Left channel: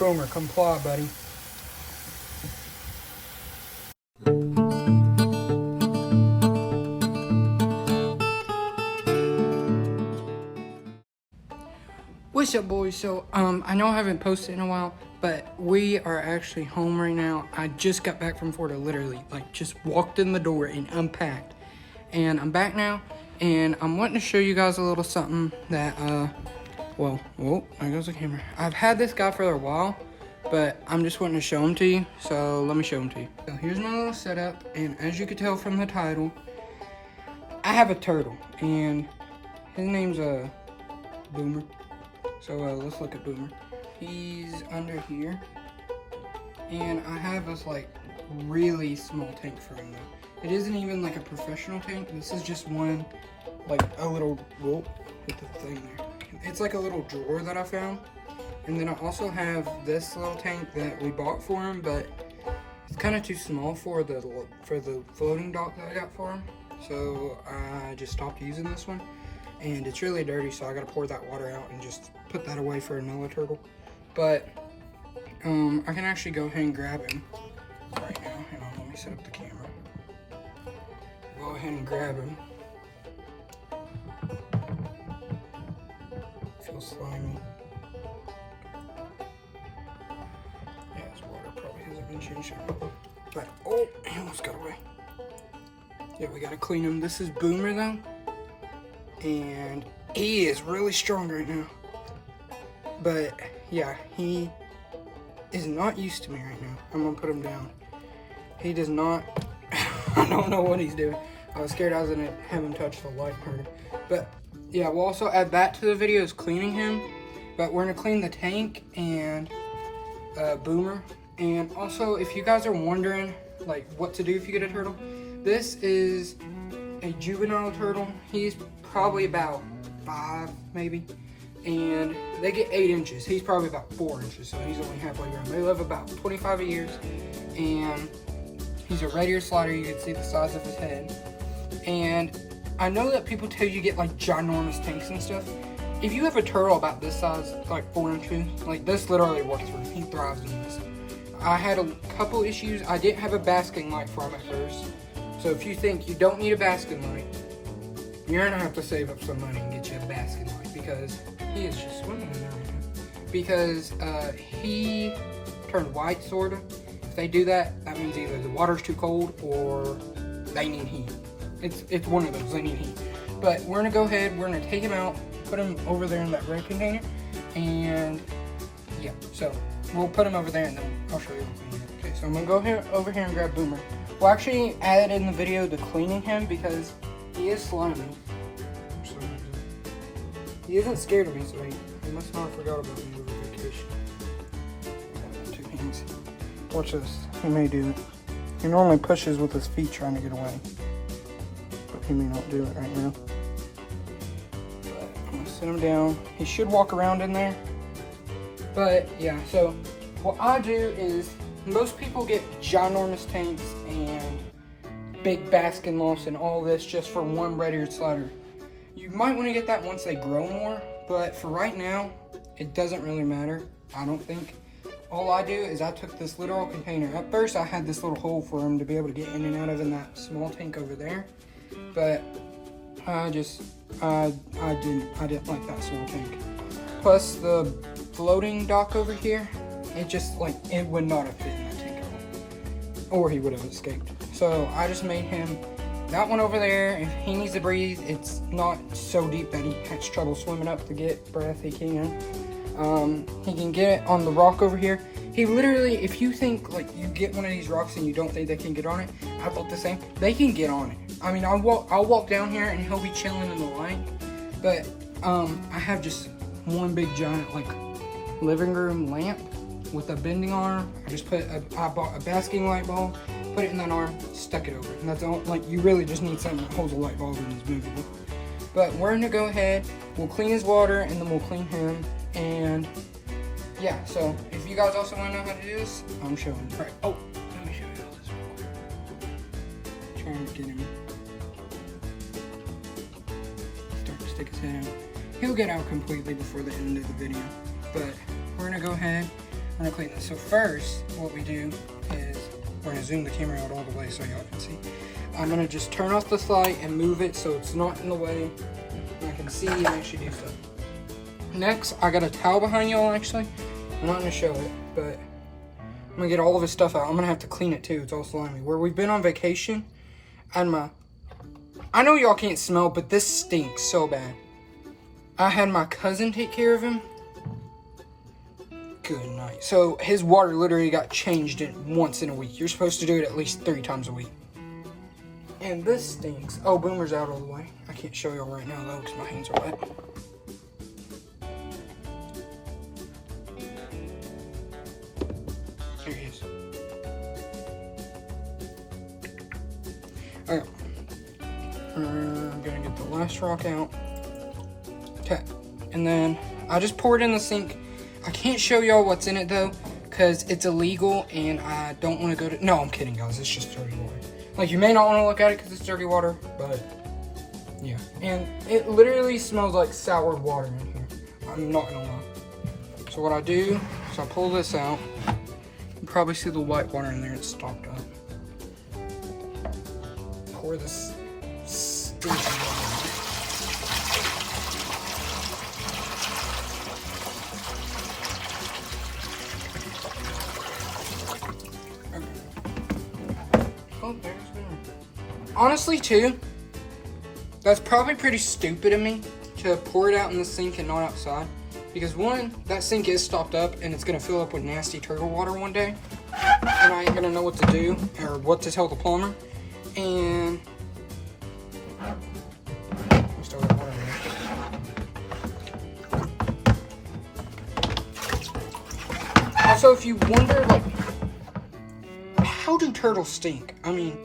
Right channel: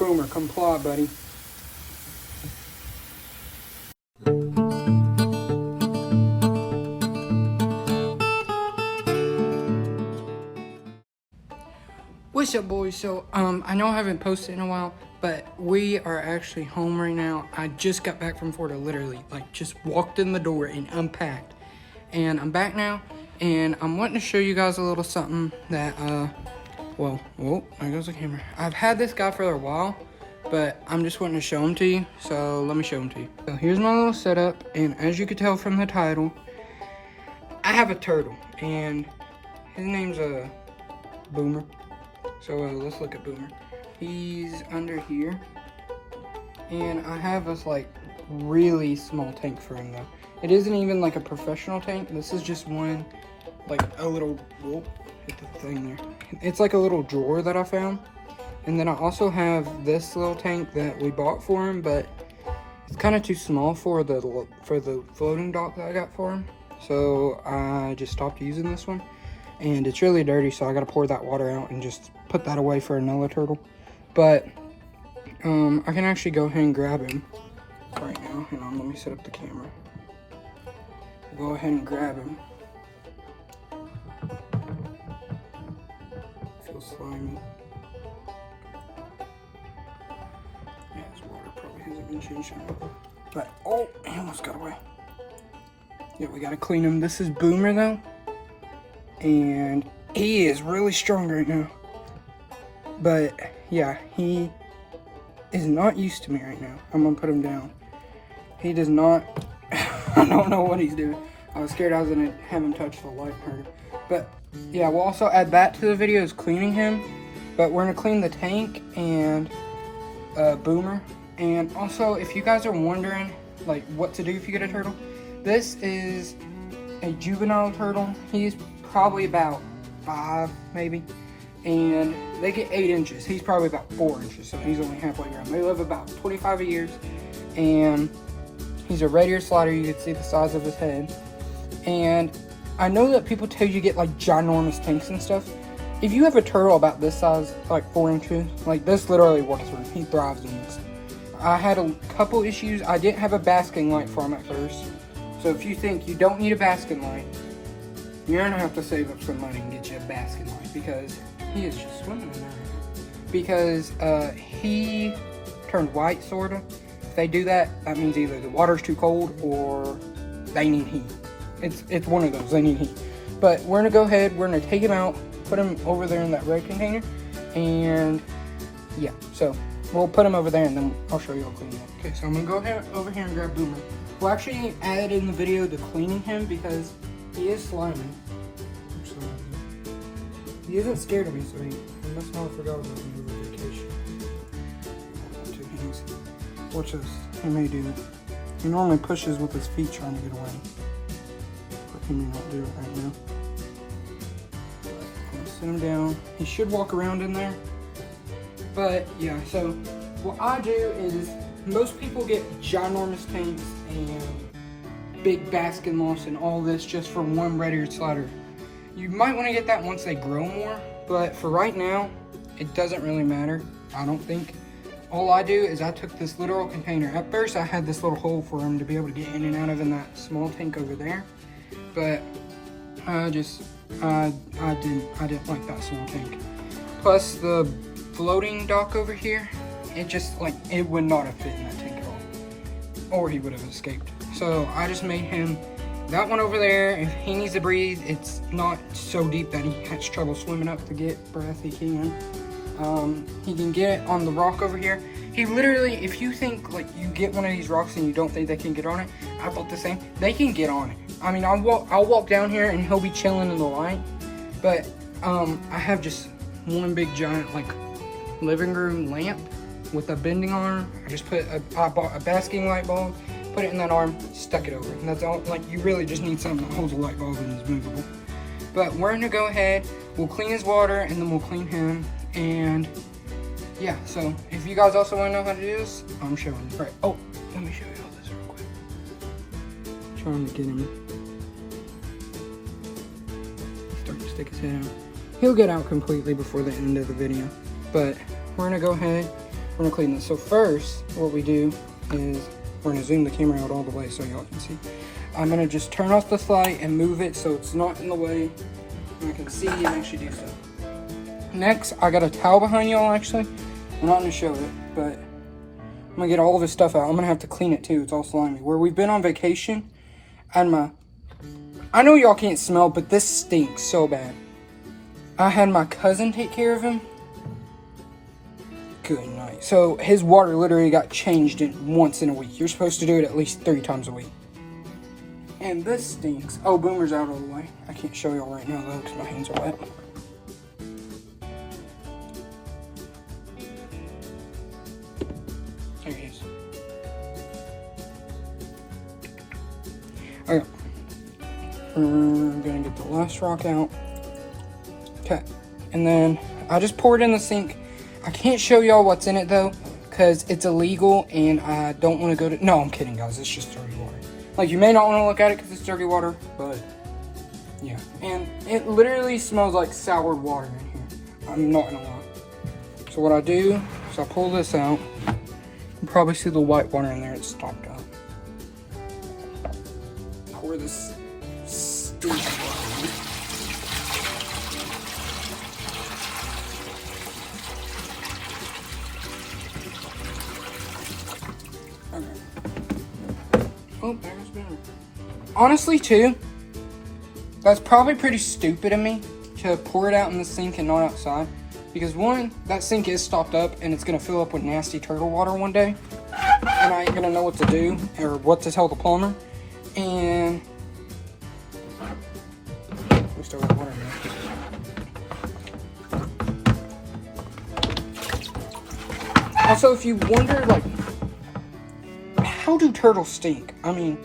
Boomer, come claw, buddy. What's up, boys? So, I know I haven't posted in a while, but we are actually home right now. I just got back from Florida, literally, like, just walked in the door and unpacked. And I'm back now, and I'm wanting to show you guys a little something that, well, whoa, there goes the camera. I've had this guy for a while, but I'm just wanting to show him to you, so let me show him to you. So here's my little setup, and as you can tell from the title, I have a turtle, and his name's, Boomer. So let's look at Boomer. He's under here, and I have this like really small tank for him though. It isn't even like a professional tank. This is just one, like a little, whoa, get the thing there. It's like a little drawer that I found. And then I also have this little tank that we bought for him, but it's kind of too small for the floating dock that I got for him. So I just stopped using this one. And it's really dirty, so I gotta pour that water out and just put that away for another turtle. But I can actually go ahead and grab him right now. Hang on, let me set up the camera. Go ahead and grab him. Feels slimy. Yeah, his water probably hasn't been changed. But oh, he almost got away. Yeah, we gotta clean him. This is Boomer though. And he is really strong right now. But yeah, he is not used to me right now. I'm gonna put him down. He does not, I don't know what he's doing. I was scared I was gonna have him touch the light part. But yeah, we'll also add that to the video is cleaning him. But we're gonna clean the tank and Boomer. And also, if you guys are wondering like what to do if you get a turtle, this is a juvenile turtle. He's probably about 5 maybe, and they get 8 inches. He's probably about 4 inches, so he's only halfway grown. They live about 25 years, and he's a red ear slider. You can see the size of his head. And I know that people tell you to get like ginormous tanks and stuff. If you have a turtle about this size, like 4 inches, like this literally works for him. He thrives in this. I had a couple issues. I didn't have a basking light for him at first, so if you think you don't need a basking light, you're gonna have to save up some money and get you a basket light, because he is just swimming in it. Because he turned white, sorta. If they do that, that means either the water's too cold or they need heat. It's one of those, they need heat. But we're gonna go ahead, we're gonna take him out, put him over there in that red container, and yeah, so we'll put him over there and then I'll show you how clean it. Okay, so I'm gonna go ahead over here and grab Boomer. We'll actually add in the video the cleaning him because he is slimy. He isn't scared of me, so he must not have forgot about me over vacation. 2 hands. Watch this. He may do. He normally pushes with his feet trying to get away, but he may not do it right now. I'm gonna sit him down. He should walk around in there. But yeah, so what I do is most people get ginormous tanks and big basking loss and all this just for one red-eared slider. You might want to get that once they grow more, but for right now, it doesn't really matter, I don't think. All I do is I took this literal container. At first, I had this little hole for him to be able to get in and out of in that small tank over there, but I didn't like that small tank. Plus, the floating dock over here, it would not have fit in that tank at all, or he would have escaped. So I just made him that one over there. If he needs to breathe, it's not so deep that he has trouble swimming up to get breath. He can get on the rock over here. He literally, if you think like you get one of these rocks and you don't think they can get on it, I thought the same. They can get on it. I mean, I'll walk down here and he'll be chilling in the light. But I have just one big giant like living room lamp with a bending arm. I bought a basking light bulb, put it in that arm, stuck it over. And that's all. Like, you really just need something that holds a light bulb and is movable. But we're gonna go ahead, we'll clean his water, and then we'll clean him. And yeah, so if you guys also want to know how to do this, I'm showing you. Right. Oh, let me show you this real quick. Trying to get him. He's starting to stick his head out. He'll get out completely before the end of the video. But we're gonna go ahead. we're gonna clean this. So first, what we do is we're gonna zoom the camera out all the way so y'all can see. I'm gonna just turn off this light and move it so it's not in the way. You can see it actually do so. Next, I got a towel behind y'all actually. I'm not gonna show it, but I'm gonna get all of this stuff out. I'm gonna have to clean it too, it's all slimy. Where we've been on vacation, I know y'all can't smell, but this stinks so bad. I had my cousin take care of him. Good night. So his water literally got changed once in a week. You're supposed to do it at least 3 times a week. And this stinks. Oh, Boomer's out of the way. I can't show y'all right now though because my hands are wet. There he is. Okay. I'm gonna get the last rock out. Okay. And then I'll just pour it in the sink. I can't show y'all what's in it though, because it's illegal and I don't want to go to... No, I'm kidding guys, it's just dirty water. Like, you may not want to look at it because it's dirty water, but yeah. And it literally smells like sour water in here. I'm not gonna lie. So what I do is I pull this out. You probably see the white water in there, it's stopped up. Pour this stinky water in. Honestly, too, that's probably pretty stupid of me to pour it out in the sink and not outside. Because one, that sink is stopped up and it's gonna fill up with nasty turtle water one day. And I ain't gonna know what to do or what to tell the plumber. And we still got water in it. Also, if you wonder, like, how do turtles stink? I mean,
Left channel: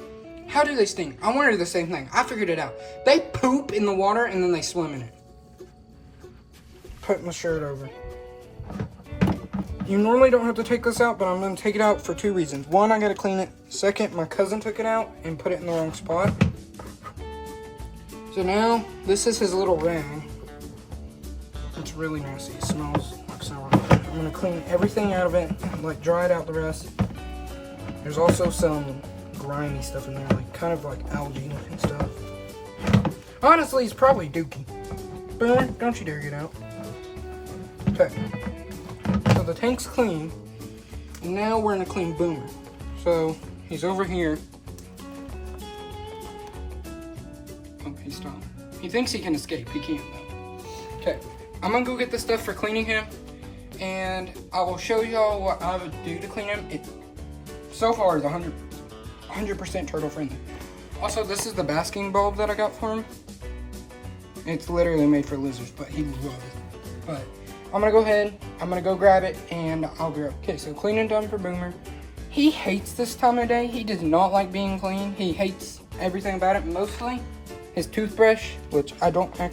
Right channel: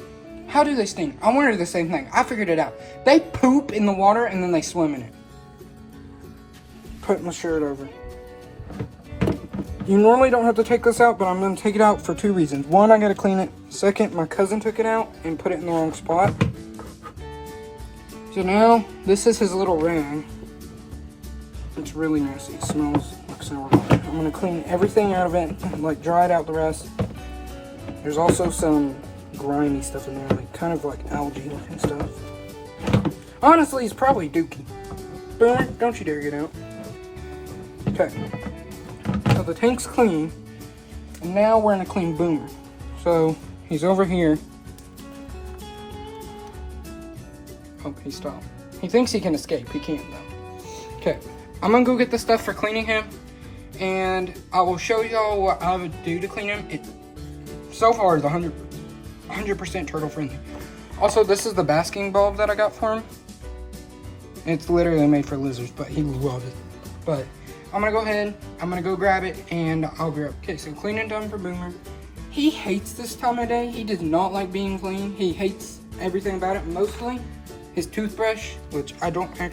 how do they stink? I wondered the same thing. I figured it out. They poop in the water and then they swim in it. Put my shirt over. You normally don't have to take this out, but I'm going to take it out for 2 reasons. One, I got to clean it. Second, my cousin took it out and put it in the wrong spot. So now, this is his little rag. It's really messy. It smells like sour. I'm going to clean everything out of it, like dry it out the rest. There's also some grimy stuff in there, like kind of like algae and stuff. Honestly, it's probably dookie. Boomer, don't you dare get out. Okay. So the tank's clean. And now we're gonna clean Boomer. So he's over here. Oh, he stopped. He thinks he can escape. He can't though. Okay. I'm gonna go get the stuff for cleaning him. And I will show y'all what I would do to clean him. So far, it's 100% turtle friendly. Also, this is the basking bulb that I got for him. It's literally made for lizards, but he loved it. But I'm gonna go ahead, I'm gonna go grab it, and I'll be right back. Okay, so cleaning done for Boomer. He hates this time of day. He does not like being clean. He hates everything about it, mostly his toothbrush, which I don't know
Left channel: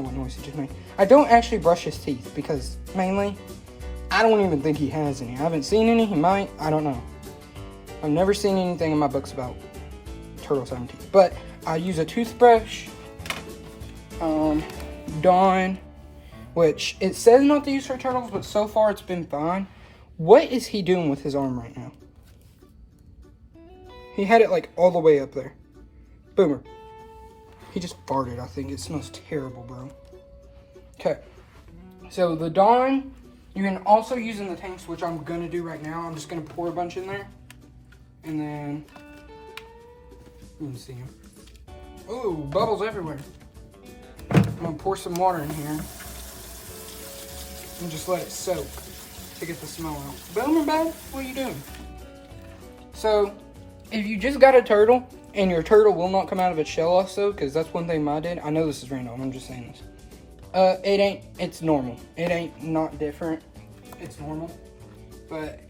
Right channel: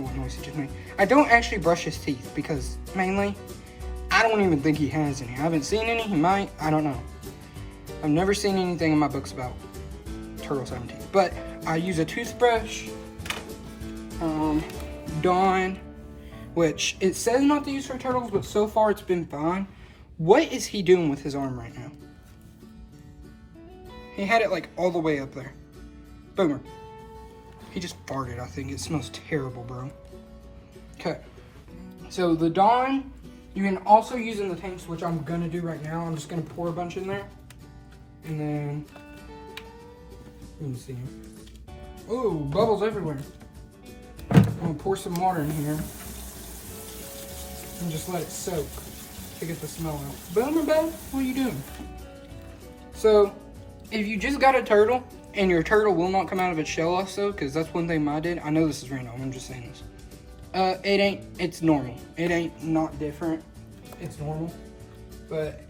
what noise he just made. I don't actually brush his teeth because mainly, I don't even think he has any. I haven't seen any. He might. I don't know. I've never seen anything in my books about turtles having teeth. But I use a toothbrush. Dawn, which it says not to use for turtles, but so far it's been fine. What is he doing with his arm right now? He had it like all the way up there. Boomer. He just farted, I think. It smells terrible, bro. Okay. So the Dawn, you can also use in the tanks, which I'm gonna do right now. I'm just gonna pour a bunch in there. And then, you can see them. Ooh, bubbles everywhere. I'm gonna pour some water in here. And just let it soak to get the smell out. Boomer, babe, what are you doing? So, if you just got a turtle, and your turtle will not come out of its shell also, because that's one thing I did. I know this is random, I'm just saying this. It's normal. It ain't not different. It's normal. But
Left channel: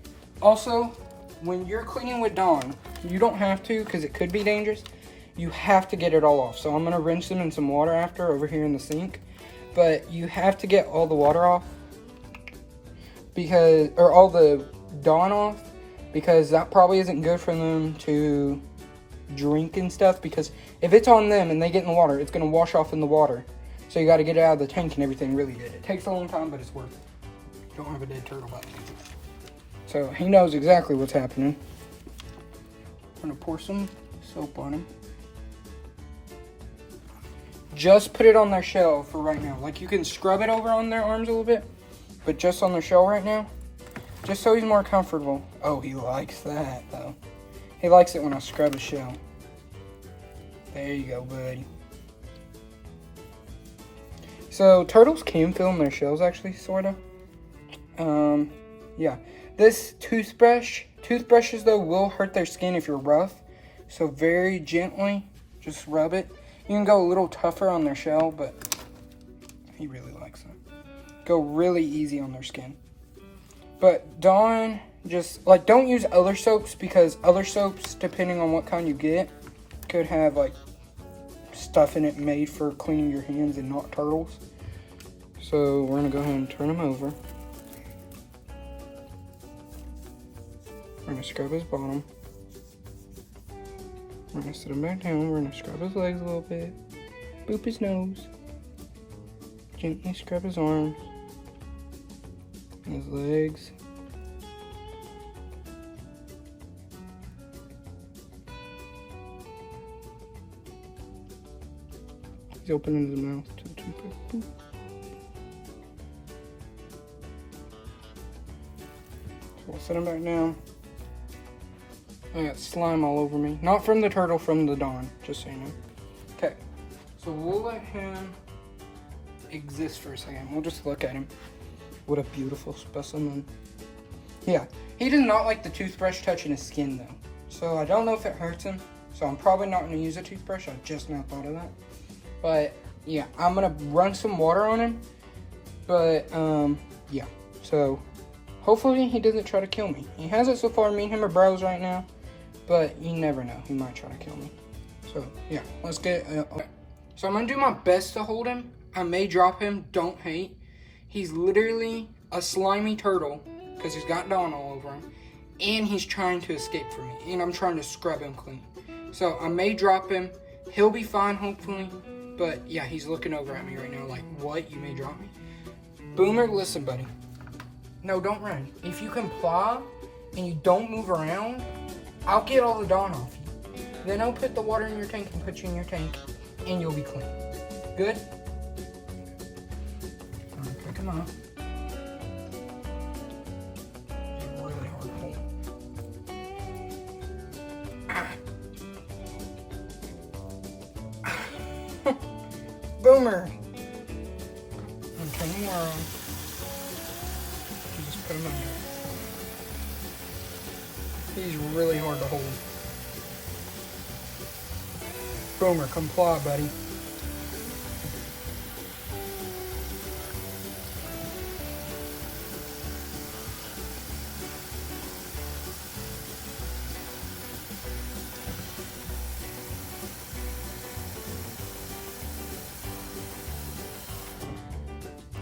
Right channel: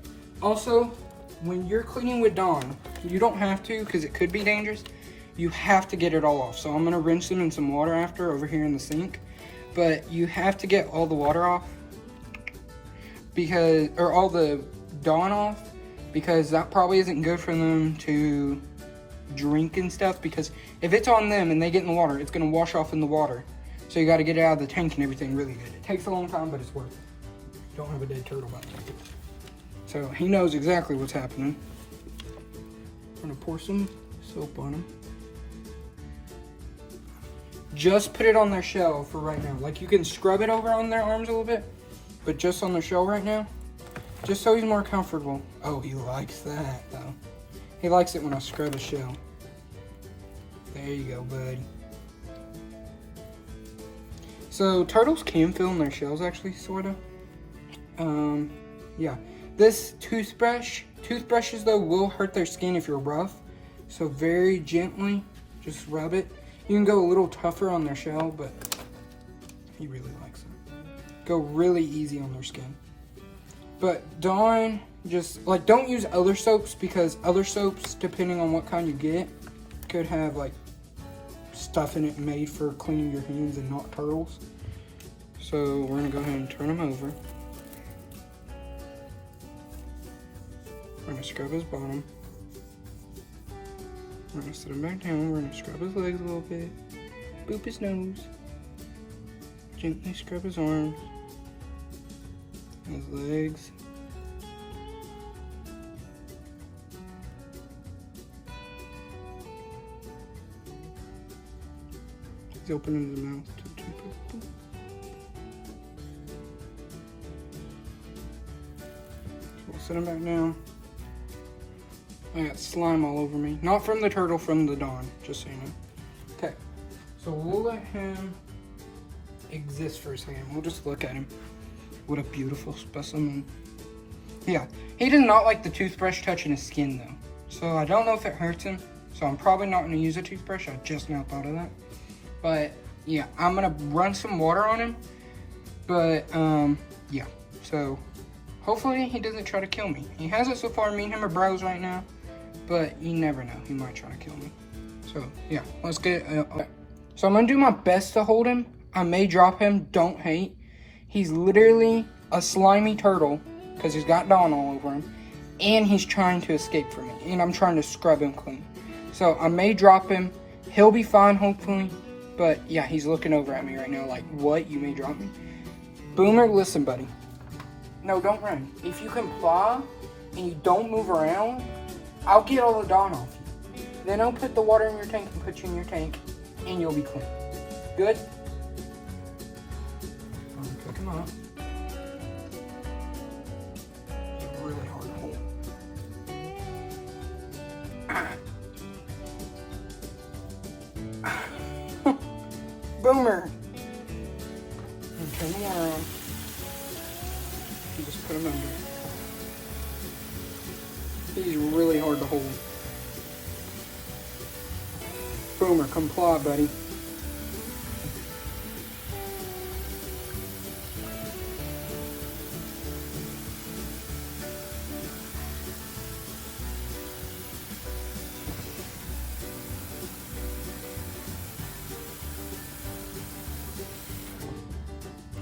also, when you're cleaning with Dawn, you don't have to, because it could be dangerous. You have to get it all off. So I'm gonna rinse them in some water after over here in the sink. But you have to get all the water off. Or all the Dawn off, because that probably isn't good for them to drink and stuff, because if it's on them and they get in the water, it's gonna wash off in the water. So you gotta get it out of the tank and everything really good. It takes a long time, but it's worth it. don't have a dead turtle by the way. So he knows exactly what's happening. I'm gonna pour some soap on him. Just put it on their shell for right now. Like you can scrub it over on their arms a little bit, but just on their shell right now. Just so he's more comfortable. Oh, he likes that though. He likes it when I scrub his shell. There you go, buddy. So turtles can film their shells actually, sorta. Yeah. This toothbrushes though will hurt their skin if you're rough. So very gently, just rub it. You can go a little tougher on their shell, but he really likes it. Go really easy on their skin. But don't use other soaps, because other soaps, depending on what kind you get, could have like stuff in it made for cleaning your hands and not turtles. So we're gonna go ahead and turn him over. We're gonna scrub his bottom. We're gonna sit him back down. We're gonna scrub his legs a little bit. Boop his nose. Gently scrub his arms. His legs. He's opening the mouth. So we'll set him back down. I got slime all over me. Not from the turtle, from the Don, just so you know. Okay, so we'll let him exist for a second. We'll just look at him. What a beautiful specimen. Yeah, he does not like the toothbrush touching his skin though. So I don't know if it hurts him. So I'm probably not gonna use a toothbrush. I just now thought of that. But yeah, I'm gonna run some water on him. But yeah, so hopefully he doesn't try to kill me. He hasn't so far. Me and him are bros right now. But you never know, he might try to kill me. So yeah, let's get okay. So I'm gonna do my best to hold him. I may drop him, don't hate. He's literally a slimy turtle because he's got Dawn all over him, and he's trying to escape from me, and I'm trying to scrub him clean. So I may drop him. He'll be fine, hopefully. But yeah, he's looking over at me right now like, what? You may drop me? Boomer, listen, buddy. No, don't run. If you comply and you don't move around, I'll get all the Dawn off you. Then I'll put the water in your tank and put you in your tank, and you'll be clean. Good? I'm gonna pick him up. It's really hard to hold. Boomer! Okay, come on. Just put him under. He's really hard to hold. Boomer, comply, buddy.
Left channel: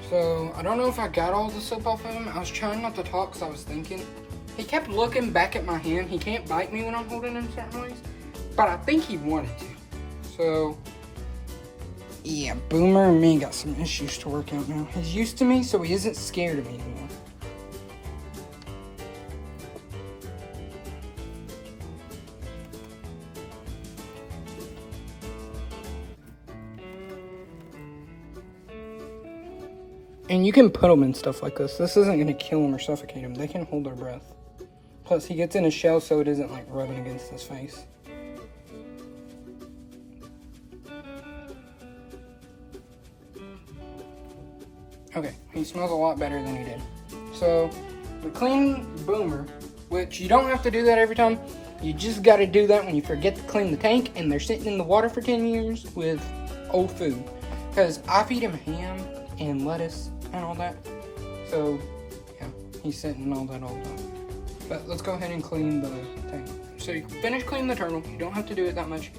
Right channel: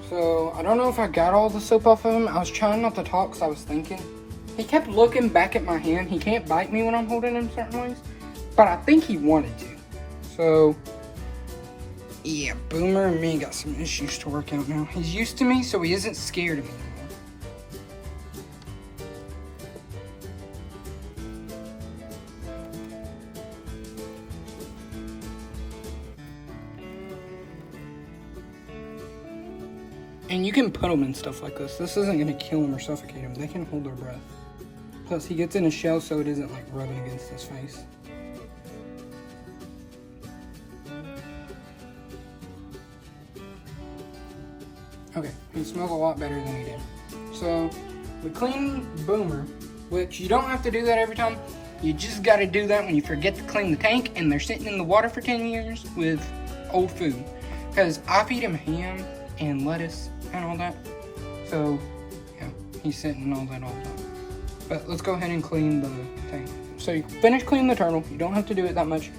So, I don't know if I got all the soap off of him. I was trying not to talk because I was thinking. He kept looking back at my hand. He can't bite me when I'm holding him certain ways, but I think he wanted to. So, yeah, Boomer and me got some issues to work out now. He's used to me, so he isn't scared of me anymore. And you can put them in stuff like this. This isn't going to kill them or suffocate them. They can hold their breath. Plus, he gets in a shell so it isn't like rubbing against his face. Okay, he smells a lot better than he did. So, we clean Boomer, which you don't have to do that every time. You just got to do that when you forget to clean the tank and they're sitting in the water for 10 years with old food. Because I feed him ham and lettuce and all that. So, yeah, he's sitting in all that all the time. But let's go ahead and clean the tank. So you finish cleaning the turtle. You don't have to do it that much.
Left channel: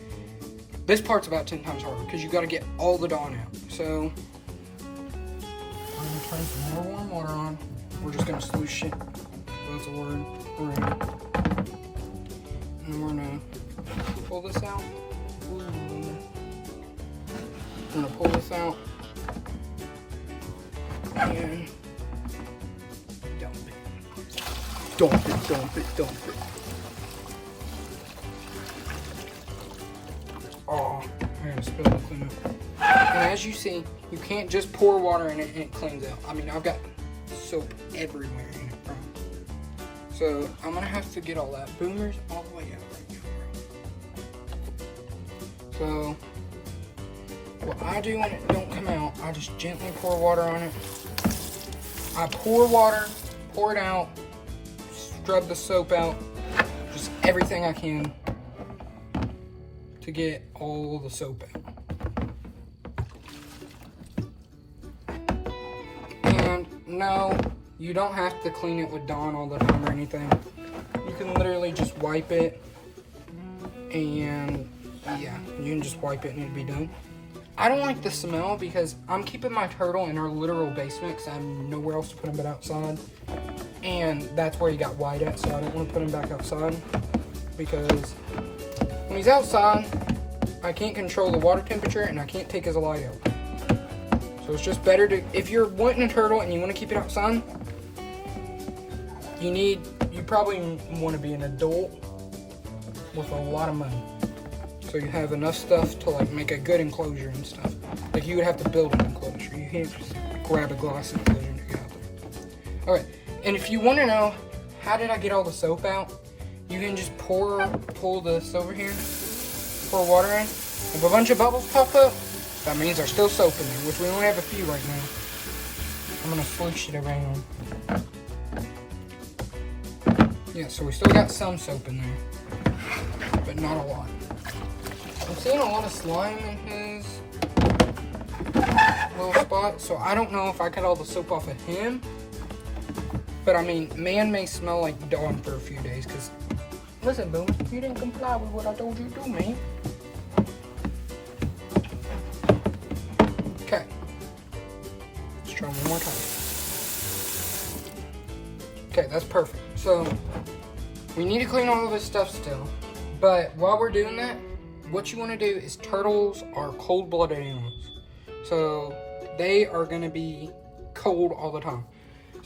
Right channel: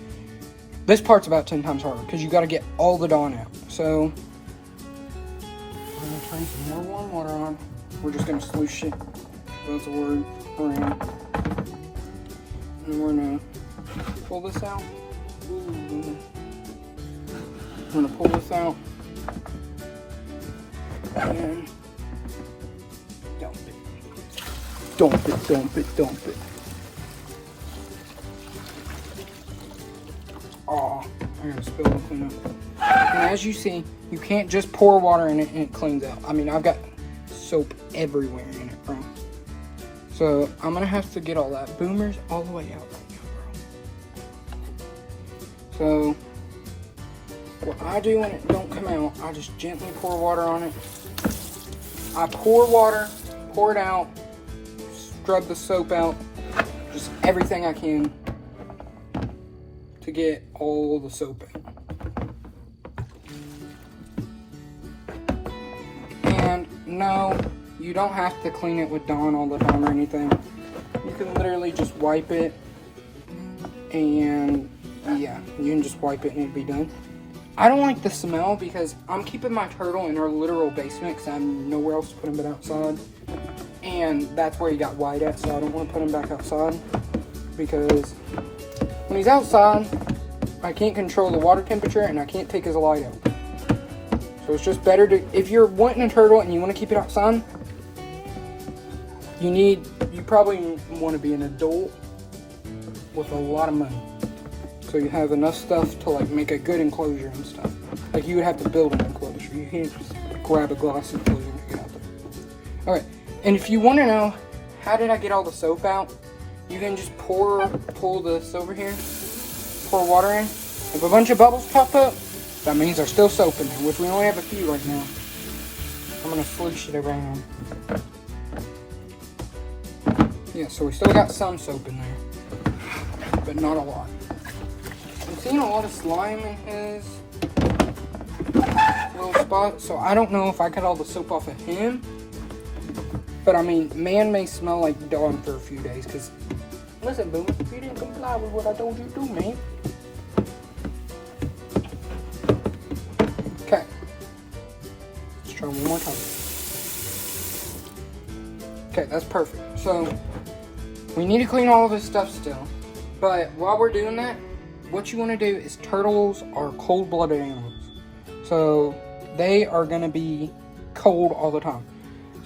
This part's about 10 times harder because you got to get all the Dawn out. So we're going to turn some more warm water on. We're just going to sloosh it. That's a word. And we're going to pull this out. Ooh. We're going to pull this out. And Dump it, dump it, dump it. Aw, I gotta spill and clean up. And as you see, you can't just pour water in it and it cleans out. I mean, I've got soap everywhere in it, bro. So I'm gonna have to get all that. Boomer's all the way out right now, bro. So what I do when it don't come out, I just gently pour water on it. I pour water, pour it out, scrub the soap out, just everything I can to get all the soap out. And no, you don't have to clean it with Dawn all the time or anything. You can literally just wipe it, and yeah, you can just wipe it and it'll be done. I don't like the smell because I'm keeping my turtle in our literal basement because I have nowhere else to put him but outside. And that's where he got white at, so I don't want to put him back outside because when he's outside, I can't control the water temperature and I can't take his light out. So it's just better to, if you're wanting a turtle and you want to keep it outside, you probably want to be an adult with a lot of money. So you have enough stuff to like make a good enclosure and stuff. Like you would have to build an enclosure. You can't just grab a glass enclosure and get out there. Alright, and if you want to know how did I get all the soap out, you can just pull this over here, pour water in. If a bunch of bubbles pop up, that means there's still soap in there, which we only have a few right now. I'm gonna swoosh it around. Yeah, so we still got some soap in there, but not a lot. I'm seeing a lot of slime in his little spot, so I don't know if I cut all the soap off of him. But I mean, man may smell like Dawn for a few days, because, listen, Boom, you didn't comply with what I told you to do, man. Okay. Let's try one more time. Okay, that's perfect. So, we need to clean all of this stuff still. But while we're doing that, what you want to do is turtles are cold-blooded animals. So they are going to be cold all the time.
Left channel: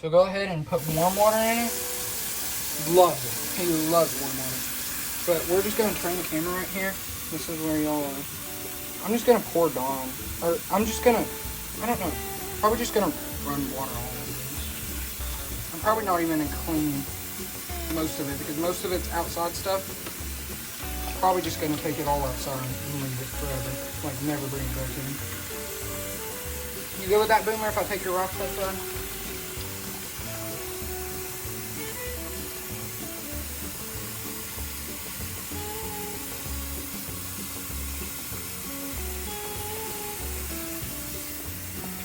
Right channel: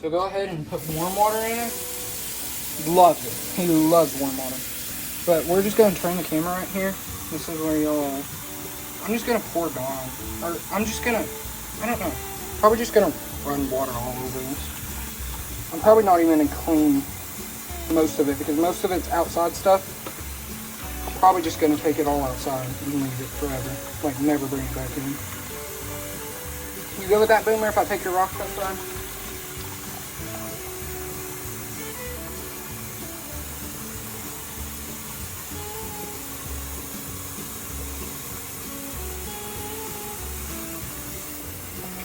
So go ahead and put warm water in it. Loves it. He loves warm water. But we're just going to turn the camera right here. This is where y'all are. I'm just going to pour Dawn. Or I'm just going to, I don't know. Probably just going to run water all over this. I'm probably not even going to clean most of it because most of it's outside stuff. Probably just gonna take it all outside and leave it forever. Like never bring it back in. You go with that, Boomer, if I take your rocks outside?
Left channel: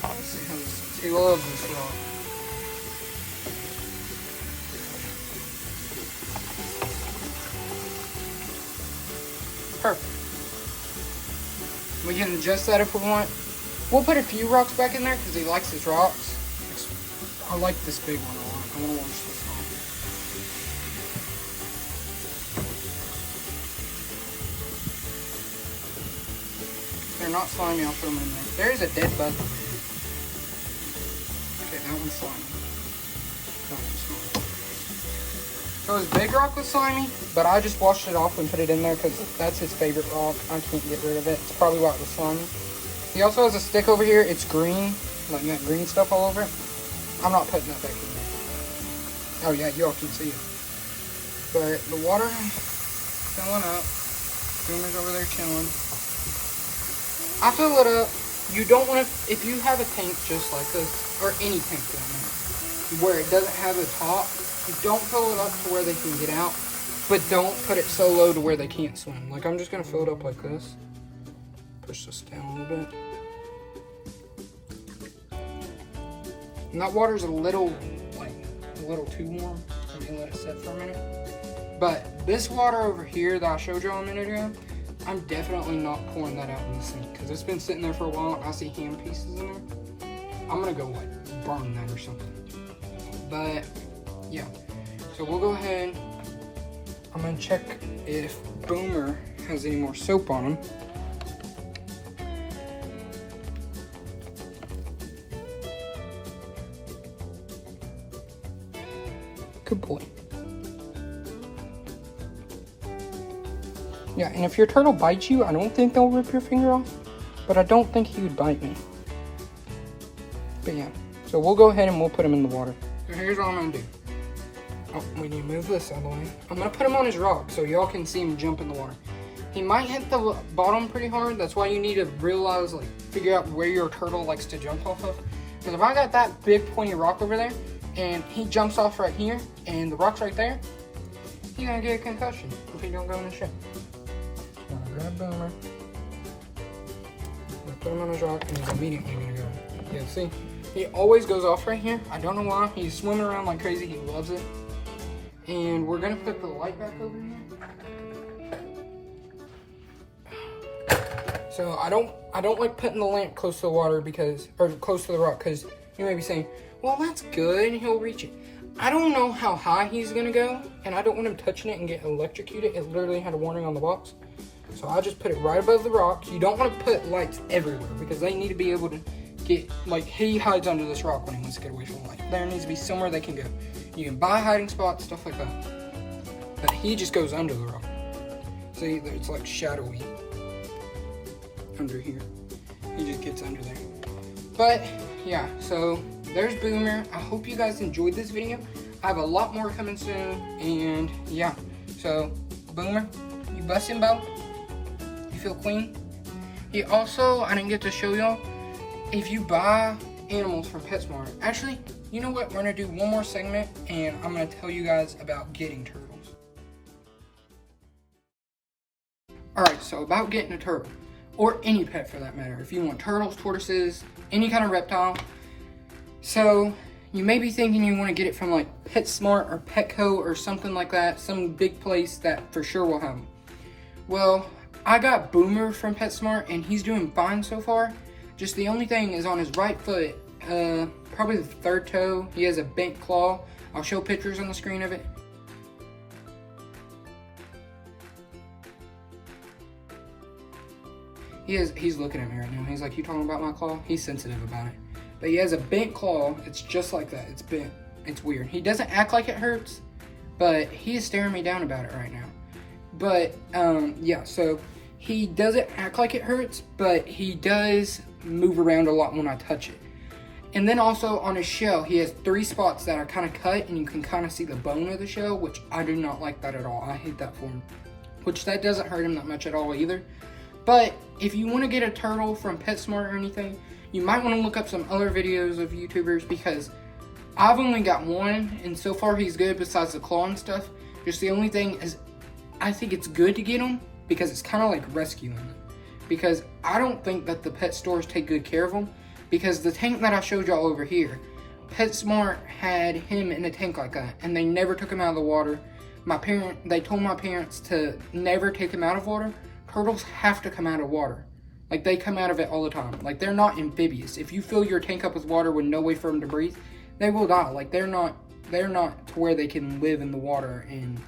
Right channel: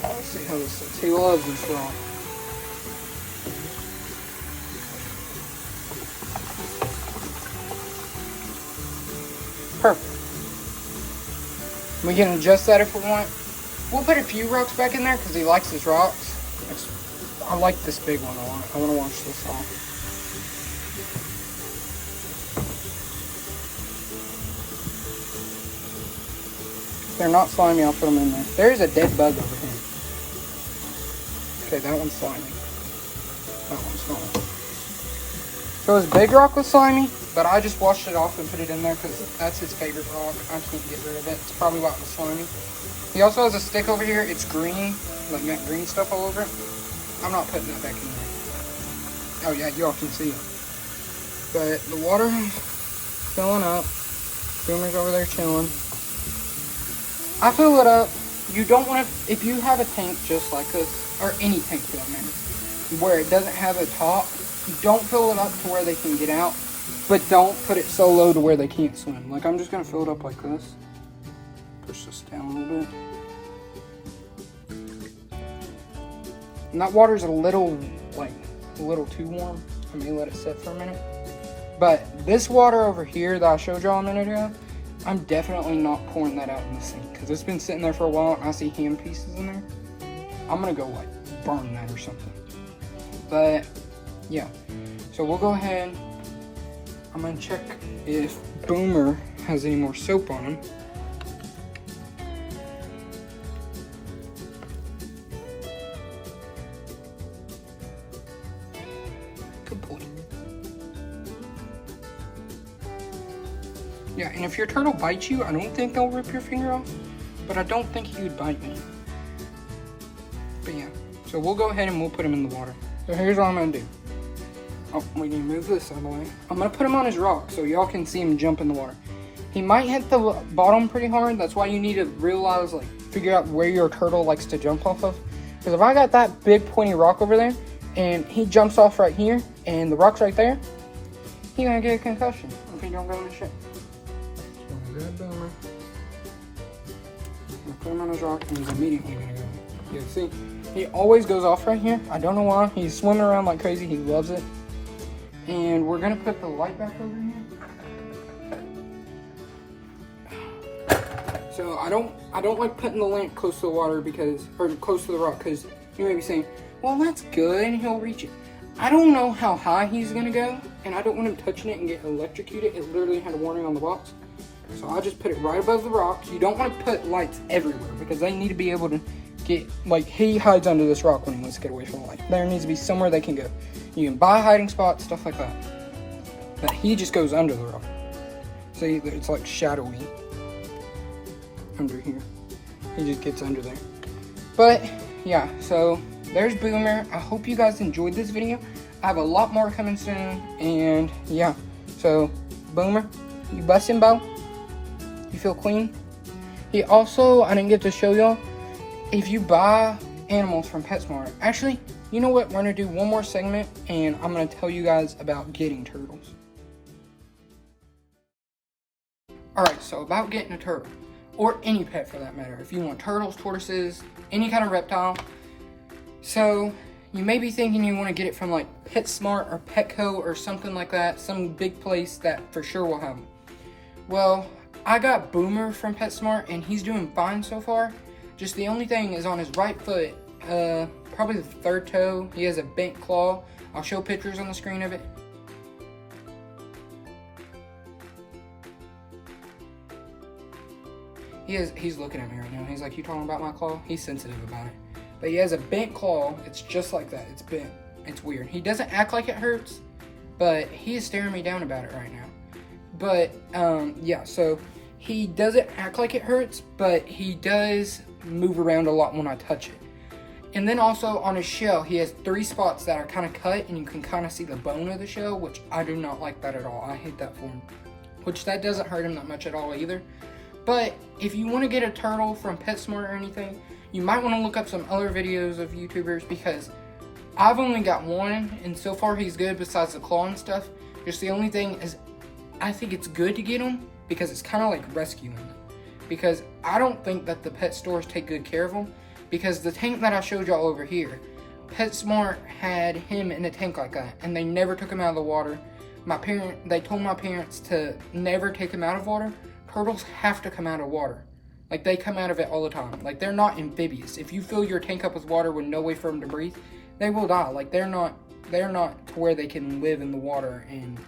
Let's see how this looks. He loves this rock. Perfect. We can adjust that if we want. We'll put a few rocks back in there because he likes his rocks. I like this big one a lot. I want to watch this off. If they're not slimy, I'll put them in there. There's a dead bug over here. Okay, that one's slimy. That one's slimy. So his big rock was slimy, but I just washed it off and put it in there because that's his favorite rock. I can't get rid of it. It's probably why it was slimy. He also has a stick over here. It's green, like got green stuff all over it. I'm not putting that back in there. Oh yeah, y'all can see it. But the water filling up. Boomer's over there chilling. I fill it up. You don't want to, if you have a tank just like this, or any tank for that matter, where it doesn't have a top, you don't fill it up to where they can get out, but don't put it so low to where they can't swim. Like I'm just gonna fill it up like this. Push this down a little bit. And that water's a little too warm. Let me let it set for a minute. But this water over here that I showed y'all a minute ago, I'm definitely not pouring that out in the sink because it's been sitting there for a while and I see hand pieces in there. I'm gonna go like burn that or something. But yeah, so we'll go ahead. I'm gonna check if Boomer has any more soap on him. Good boy. Yeah, and if your turtle bites you, I don't think they'll rip your finger off, but I don't think he would bite me. But yeah, so we'll go ahead and we'll put him in the water. So here's what I'm gonna do. Oh, we need to move this out of the way. I'm gonna put him on his rock so y'all can see him jump in the water. He might hit the bottom pretty hard. That's why you need to realize, like, figure out where your turtle likes to jump off of. Because if I got that big pointy rock over there and he jumps off right here and the rock's right there, he's gonna get a concussion if he don't go in the ship. So I'm gonna grab Boomer. I'm gonna put him on his rock and he's immediately gonna go. Yeah, see? He always goes off right here. I don't know why. He's swimming around like crazy. He loves it. And we're gonna put the light back over here. So I don't like putting the lamp close to the water or close to the rock, because you may be saying, well, that's good, he'll reach it. I don't know how high he's gonna go, and I don't want him touching it and get electrocuted. It literally had a warning on the box. So I'll just put it right above the rock. You don't want to put lights everywhere, because they need to be able to get, like, he hides under this rock when he wants to get away from the light. There needs to be somewhere they can go. You can buy hiding spots, stuff like that. But he just goes under the rock. See, it's like shadowy under here. He just gets under there. But yeah, so there's Boomer. I hope you guys enjoyed this video. I have a lot more coming soon, and yeah, so Boomer, you bustin', Bo? You feel clean? He also, I didn't get to show y'all, if you buy animals from PetSmart, actually, you know what, we're gonna do one more segment and I'm gonna tell you guys about getting turtles. Alright, so about getting a turtle, or any pet for that matter. If you want turtles, tortoises, any kind of reptile. So you may be thinking you want to get it from like PetSmart or Petco or something like that, some big place that for sure will have them. Well, I got Boomer from PetSmart and he's doing fine so far. Just the only thing is on his right foot, probably the third toe, he has a bent claw. I'll show pictures on the screen of it. He's looking at me right now. He's like, you talking about my claw? He's sensitive about it. But he has a bent claw. It's just like that. It's bent. It's weird. He doesn't act like it hurts, but he is staring me down about it right now. But, yeah, so he doesn't act like it hurts, but he does move around a lot when I touch it. And then also on his shell, he has 3 spots that are kind of cut, and you can kind of see the bone of the shell, which I do not like that at all. I hate that for him. Which that doesn't hurt him that much at all either. But if you want to get a turtle from PetSmart or anything, you might want to look up some other videos of YouTubers, because I've only got one, and so far he's good besides the claw and stuff. Just the only thing is, I think it's good to get him because it's kind of like rescuing them. Because I don't think that the pet stores take good care of them. Because the tank that I showed y'all over here, PetSmart had him in a tank like that, and they never took him out of the water. They told my parents to never take him out of water. Turtles have to come out of water. Like, they come out of it all the time. Like, they're not amphibious. If you fill your tank up with water with no way for them to breathe, they will die. Like, they're not to where they can live in the water and,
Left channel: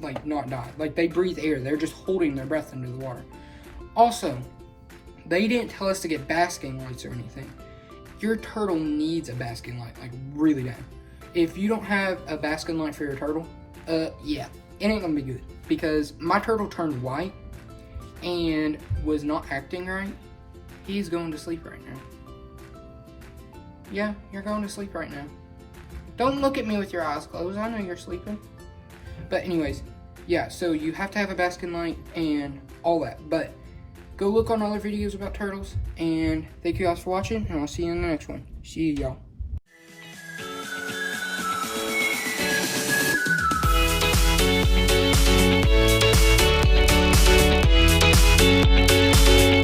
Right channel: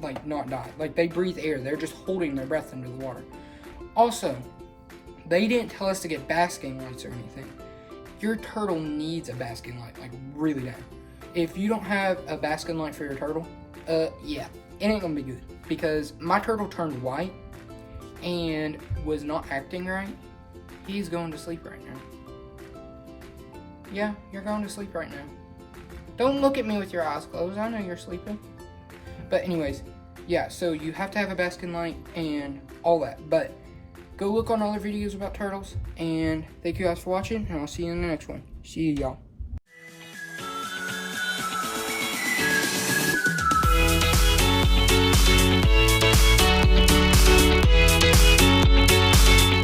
like, not die. Like, they breathe air. They're just holding their breath under the water. Also, they didn't tell us to get basking lights or anything. Your turtle needs a basking light, like, really bad. If you don't have a basking light for your turtle, yeah, it ain't gonna be good. Because my turtle turned white and was not acting right. He's going to sleep right now. Yeah, you're going to sleep right now. Don't look at me with your eyes closed. I know you're sleeping. But anyways, yeah, so you have to have a basking light and all that. But go look on other videos about turtles. And thank you guys for watching, and I'll see you in the next one. See you, y'all.